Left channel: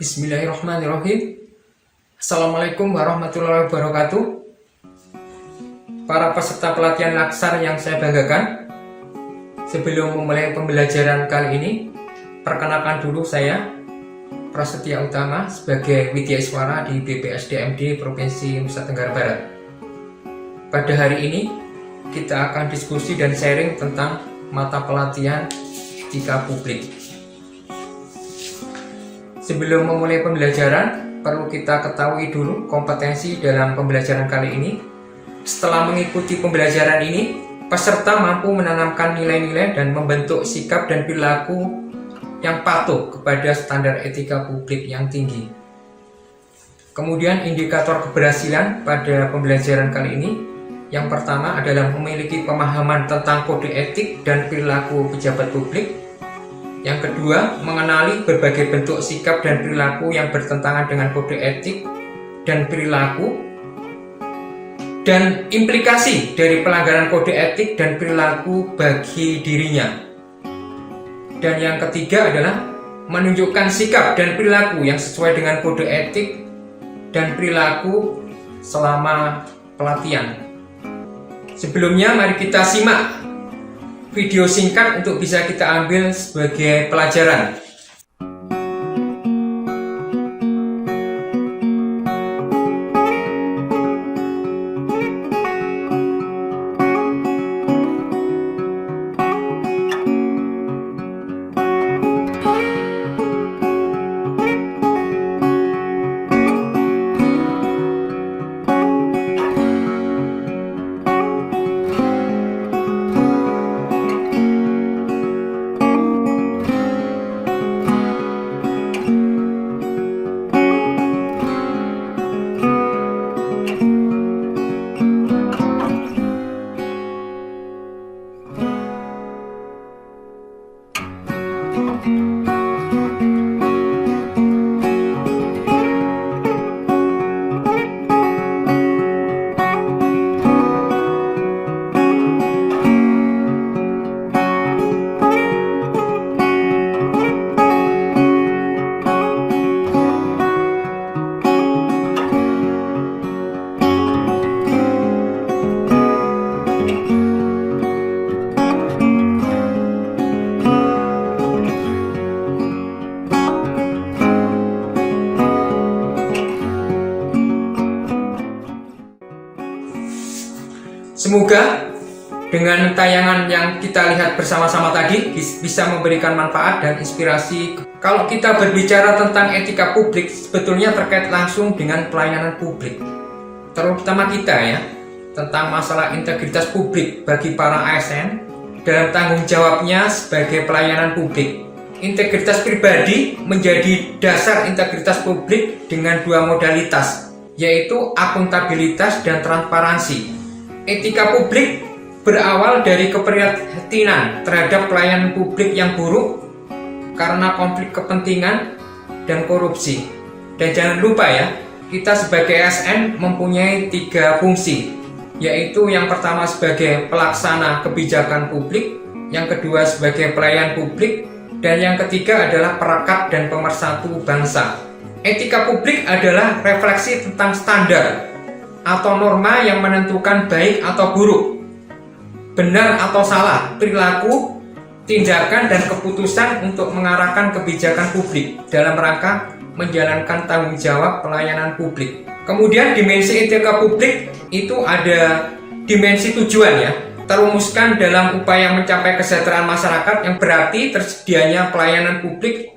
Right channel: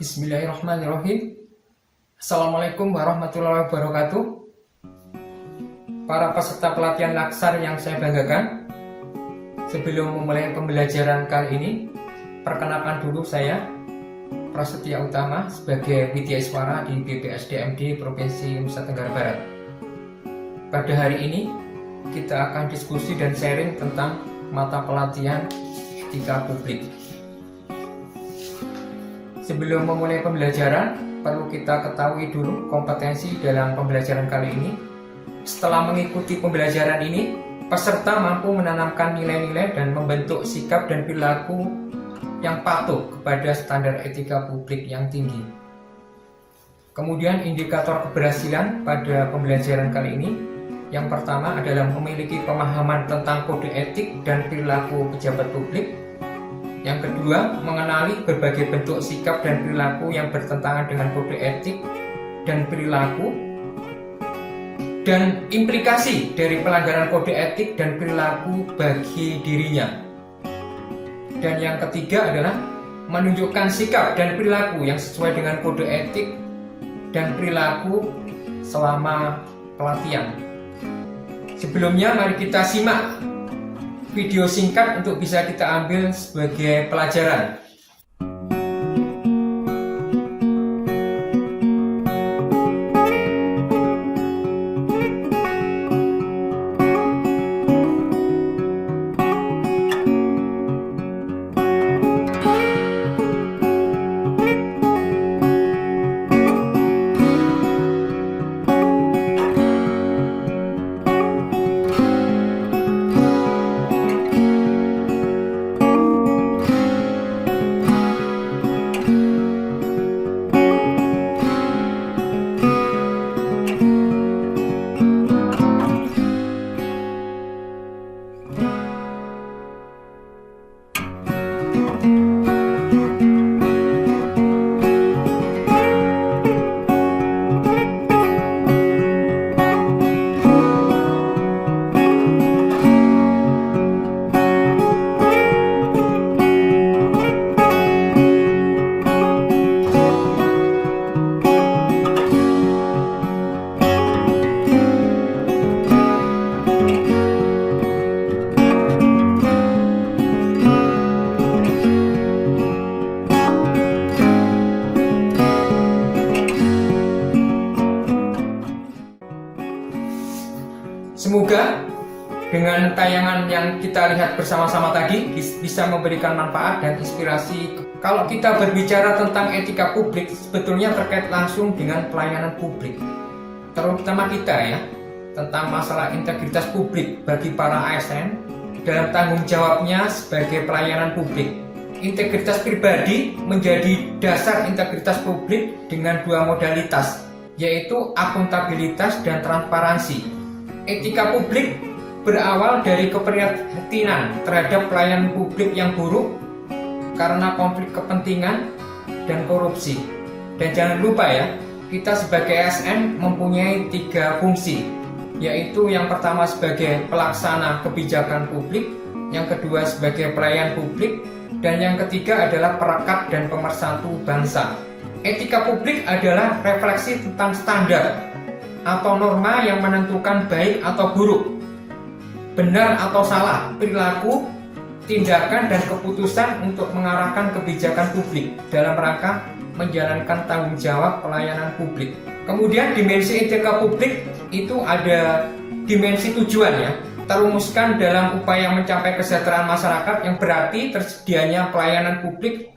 Bismillahirrahmanirrahim. Assalamualaikum warahmatullahi wabarakatuh. Para peserta pelatihan Laksar yang saya banggakan, sebelum memulai pembelajaran kali ini, perkenalkan dulu saya Prasetya Utama sebagai Widyaswara di BPSDMD Provinsi Nusa Tenggara Barat. Pada hari ini kita akan diskusi dan sharing tentang mata pelatihan etika publik. Sebelum memulai pembelajaran, perlu kita ketahui dulu kompetensi dalam pembelajaran kali ini. Setelah mengikuti pembelajaran ini, peserta mampu menanamkan nilai-nilai dan membentuk sikap dan perilaku yang patuh kepada standar etika publik yang tinggi. Kemudian indikator keberhasilan pada pembelajaran kali ini, yang pertama adalah memiliki pemahaman tentang kode etik dan perilaku pejabat publik. Yang kedua, mengenali berbagai bentuk sikap dan perilaku yang bertentangan dengan kode etik dan perilaku, dan implikasi dari pelanggaran kode etik dan perilaku bagi dirinya. Dan yang ketiga adalah menunjukkan sikap dan perilaku yang sesuai dengan kode etik dan perilaku selama pelatihan. Sebelumnya, mari kita simak video singkat untuk bisa kita ambil sebagai pelajaran. Semoga dengan tayangan yang kita lihat bersama-sama tadi bisa memberikan manfaat dan inspirasi. Kalau kita berbicara tentang etika publik, sebetulnya terkait langsung dengan pelayanan publik, terutama kita ya, tentang masalah integritas publik bagi para ASN dalam tanggung jawabnya sebagai pelayanan publik. Integritas pribadi menjadi dasar integritas publik dengan dua modalitas, yaitu akuntabilitas dan transparansi. Etika publik berawal dari keprihatinan terhadap pelayanan publik yang buruk karena konflik kepentingan dan korupsi. Dan jangan lupa ya, kita sebagai ASN mempunyai 3 fungsi, yaitu yang pertama sebagai pelaksana kebijakan publik, yang kedua sebagai pelayan publik, dan yang ketiga adalah perekat dan pemersatu bangsa. Etika publik adalah refleksi tentang standar atau norma yang menentukan baik atau buruk, benar atau salah, perilaku, tindakan, dan keputusan untuk mengarahkan kebijakan publik dalam rangka menjalankan tanggung jawab pelayanan publik. Kemudian dimensi etika publik itu ada dimensi tujuan ya, terumuskan dalam upaya mencapai kesejahteraan masyarakat, yang berarti tersedianya pelayanan publik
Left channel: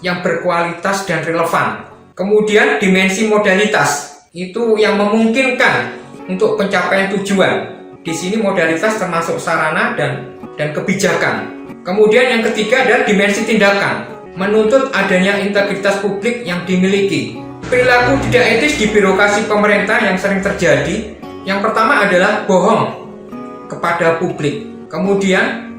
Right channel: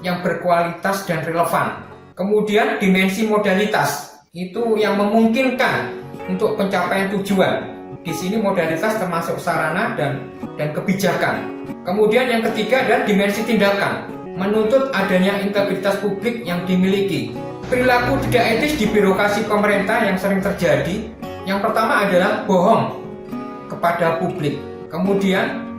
yang berkualitas dan relevan. Kemudian dimensi modalitas itu yang memungkinkan untuk pencapaian tujuan. Di sini modalitas termasuk sarana dan kebijakan. Kemudian yang ketiga adalah dimensi tindakan, menuntut adanya integritas publik yang dimiliki. Perilaku tidak etis di birokrasi pemerintah yang sering terjadi. Yang pertama adalah bohong kepada publik. Kemudian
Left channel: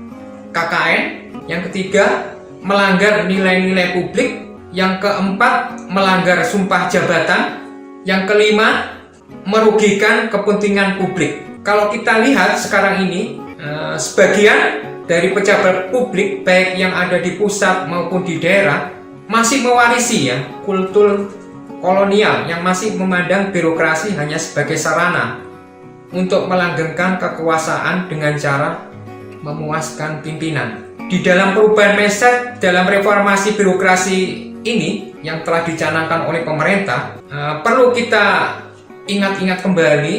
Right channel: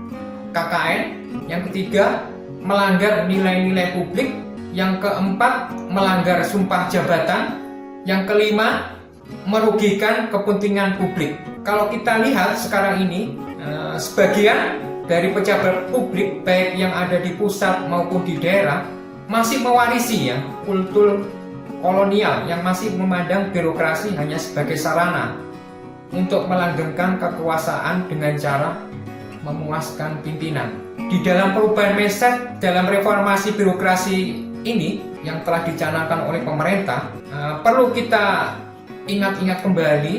KKN. Yang ketiga, melanggar nilai-nilai publik. Yang keempat, melanggar sumpah jabatan. Yang kelima, merugikan kepentingan publik. Kalau kita lihat sekarang ini, sebagian dari pejabat publik baik yang ada di pusat maupun di daerah masih mewarisi ya kultur kolonial yang masih memandang birokrasi hanya sebagai sarana untuk melanggengkan kekuasaan dengan cara memuaskan pimpinan. Di dalam perubahan mindset dalam reformasi birokrasi ini yang telah dicanangkan oleh pemerintah, perlu kita ingat-ingat kembali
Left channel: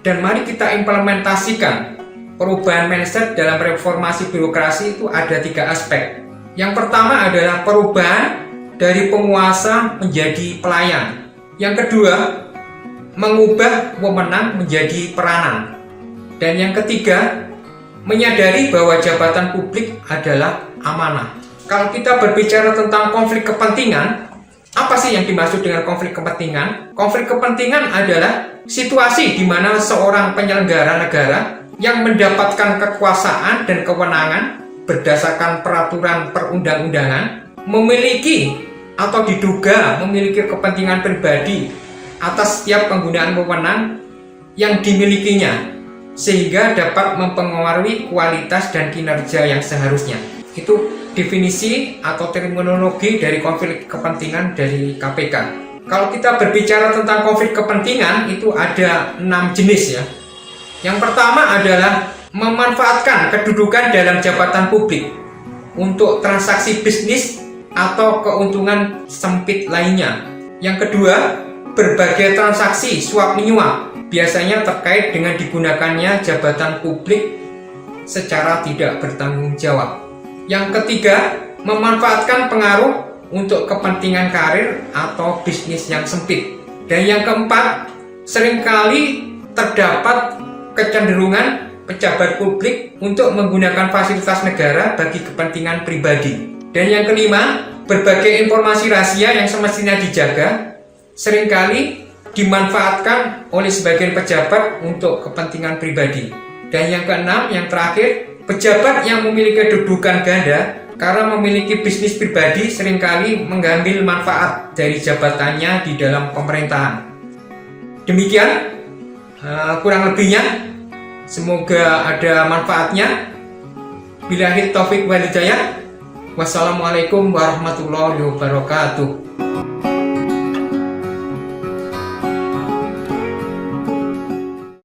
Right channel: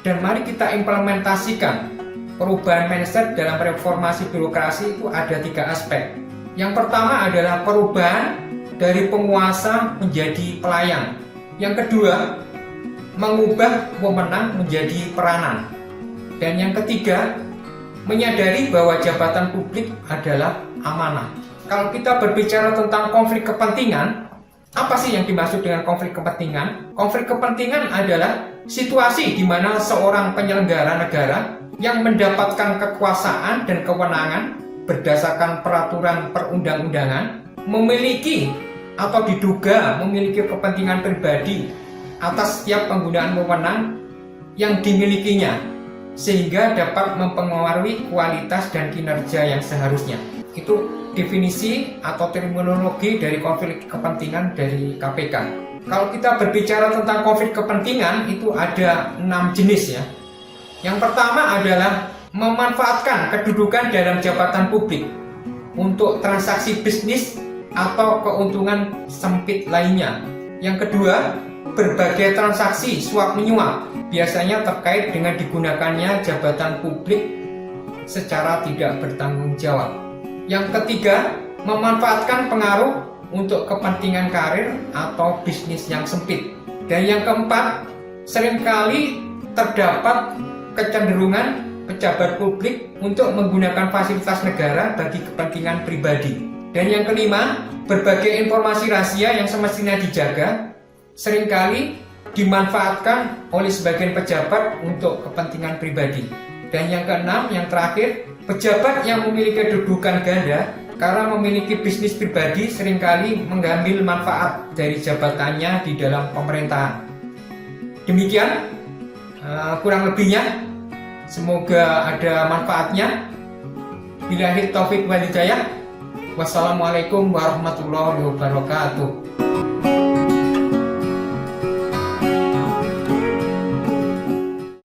dan mari kita implementasikan perubahan mindset dalam reformasi birokrasi. Itu ada 3 aspek. Yang pertama adalah perubahan dari penguasa menjadi pelayan. Yang kedua, mengubah wewenang menjadi peranan. Dan yang ketiga, menyadari bahwa jabatan publik adalah amanah. Kalau kita berbicara tentang konflik kepentingan, apa sih yang dimaksud dengan konflik kepentingan? Konflik kepentingan adalah situasi di mana seorang penyelenggara negara yang mendapatkan kekuasaan dan kewenangan berdasarkan peraturan perundang-undangan memiliki atau diduga memiliki kepentingan pribadi atas setiap penggunaan wewenang yang dimilikinya, sehingga dapat mempengaruhi kualitas dan kinerja yang seharusnya. Itu definisi atau terminologi dari konflik kepentingan dari KPK. Kalau kita berbicara tentang konflik kepentingan, itu ada 6 jenis ya. Yang pertama adalah memanfaatkan kedudukan dalam jabatan publik untuk transaksi bisnis atau keuntungan sempit lainnya. Yang kedua, berbagai transaksi suap menyuap, biasanya terkait dengan digunakannya jabatan publik secara tidak bertanggung jawab. Yang ketiga, memanfaatkan pengaruh untuk kepentingan karir atau bisnis yang sempit. Dan yang keempat, seringkali terdapat kecenderungan pejabat publik untuk menggunakan fasilitas negara bagi kepentingan pribadi. Dan yang kelima, berbagai informasi rahasia yang semestinya dijaga seringkali dimanfaatkan oleh sebagian pejabat untuk kepentingan pribadi. Dan yang keenam, yang terakhir, pejabat yang memiliki kedudukan ganda karena memiliki bisnis pribadi seringkali mengambil manfaat dari jabatannya di dalam pemerintahan. Demikian kurang lebihnya, semoga ada manfaatnya. Billahi taufik wal hidayah. Wassalamualaikum warahmatullahi wabarakatuh.